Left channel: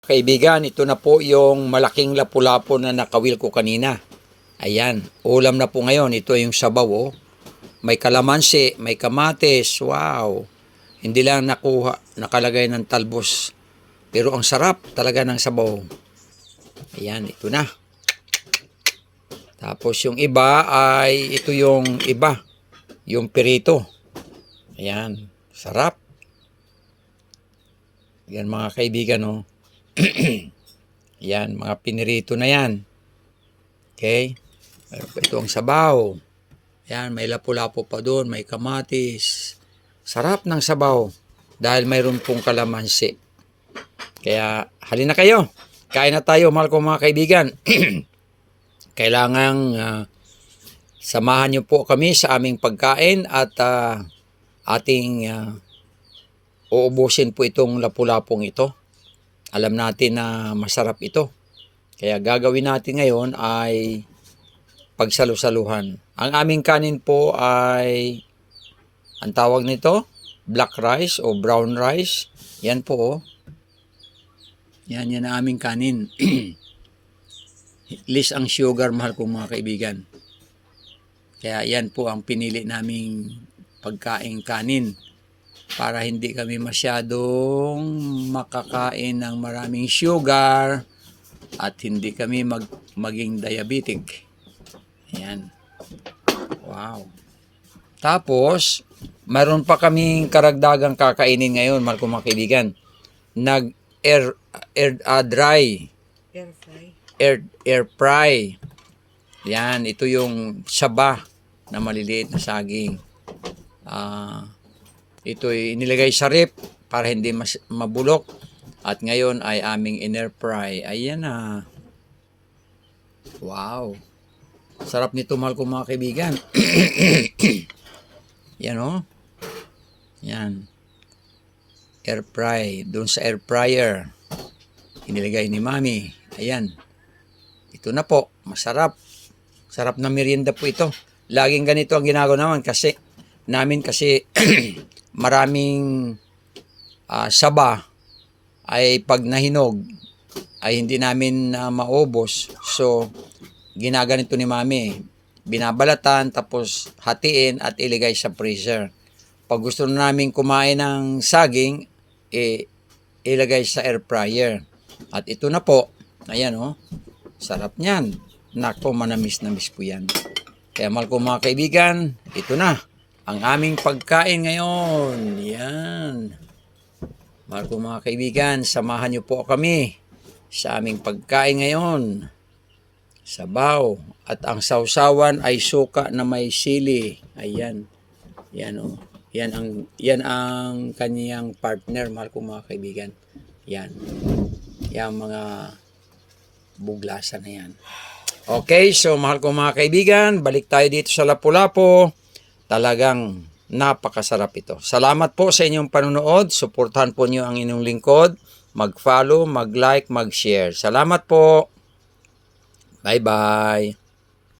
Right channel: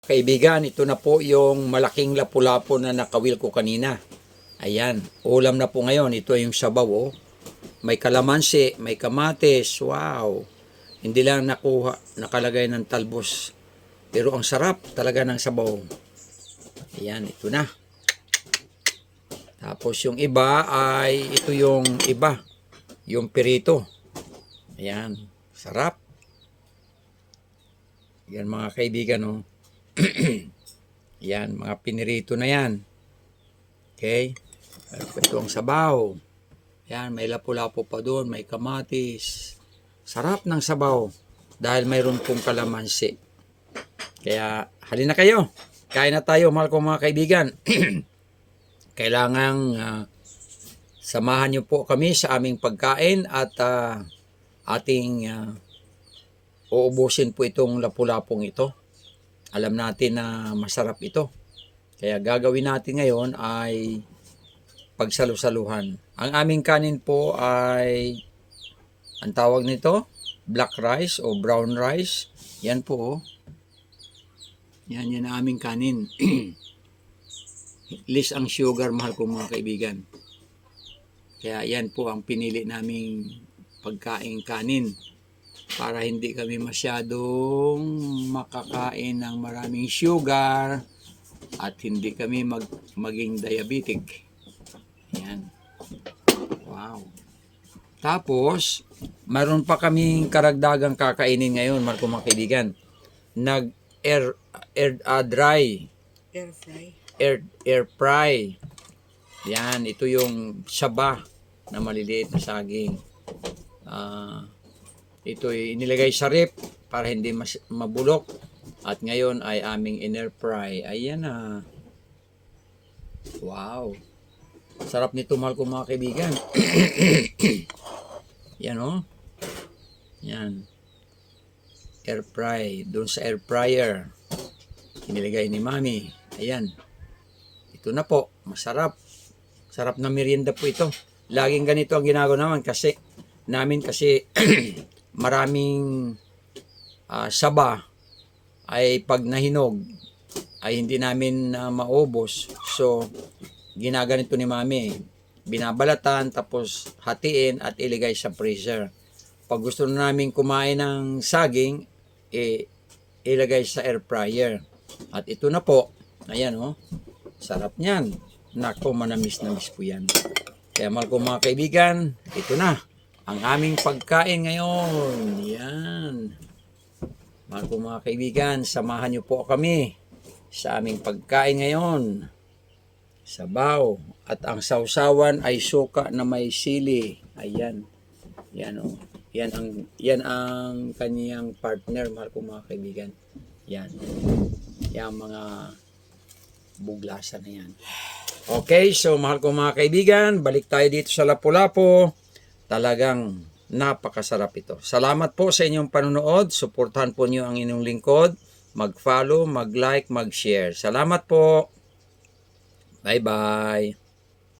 Kaibigan, ito na po yung malaking lapu-lapu na nakawil ko kanina. Ayan, ulam na po ngayon. Ito yung sabaw, oh. May kalamansi, may kamatis. Wow! Hindi lang nakalagay ng talbos. Pero ang sarap talaga ng sabaw. Ayan, ito na. Tapos yung iba ay, ito yung iba. Yung pirito. Ayan, sarap. Yan mga kaibigan, oh. Yan, mga pinirito na yan. Okay? Ito ang sabaw. Yan, may lapu-lapu pa doon, may kamatis. Sarap ng sabaw dahil mayroon pong kalamansi. Kaya, halina kayo. Kain na tayo, mahal ko mga kaibigan. Kailangang samahan niyo po kami sa aming pagkain at ating uubusin po itong lapu-lapong ito. Alam natin na masarap ito. Kaya gagawin natin ngayon ay pagsalu-saluhan. Ang aming kanin po ay, ang tawag nito, black rice o brown rice. Yan po, oh. Yan ang aming kanin. Less ang sugar, mahal kong mga kaibigan. Kaya yan po ang pinili naming pagkain kanin. Para hindi kami masyadong makakain ng maraming sugar at hindi kami maging diabetic. Ayan. Wow. Tapos, mayroon pa kaming karagdagang kakainin ngayon, mga kaibigan. Air fry. Yan, ito yung saba na maliliit na saging. Ito ay inilagay sa rep para hindi mabulok. At ngayon ay aming in-air fry. Ayan na. Wow. Sarap nito, mahal ko mga kaibigan. Yan, oh. Yan. Air fry. Doon sa air fryer. Inilagay ni Mami. Ayan. Ito na po. Masarap. Sarap na merienda po ito. Laging ganito ang ginagawa namin kasi maraming saba ay pag nahinog ay hindi namin maubos. So, ginaganito ni Mami. Binabalatan, tapos hatiin at iligay sa freezer. Pag gusto na namin kumain ng saging, ilagay sa air fryer. At ito na po. Ayan, oh. Sarap niyan. Nako, manamis-namis po yan. Kaya mahal ko mga kaibigan, ito na ang aming pagkain ngayon. Yan. Mahal ko mga kaibigan, samahan niyo po kami sa aming pagkain ngayon. Sabaw. At ang sausawan ay suka na may sili. Ayan. Yan, oh. Yan ang kaniyang partner, mahal ko mga kaibigan. Yan. Yan mga buglasan na yan. Okay, so mahal ko mga kaibigan, balik tayo dito sa Lapu-Lapu. Talagang napakasarap ito. Salamat po sa inyong panunood. Suportahan po niyo ang inyong lingkod. Mag-follow, mag-like, mag-share. Salamat po. Bye-bye.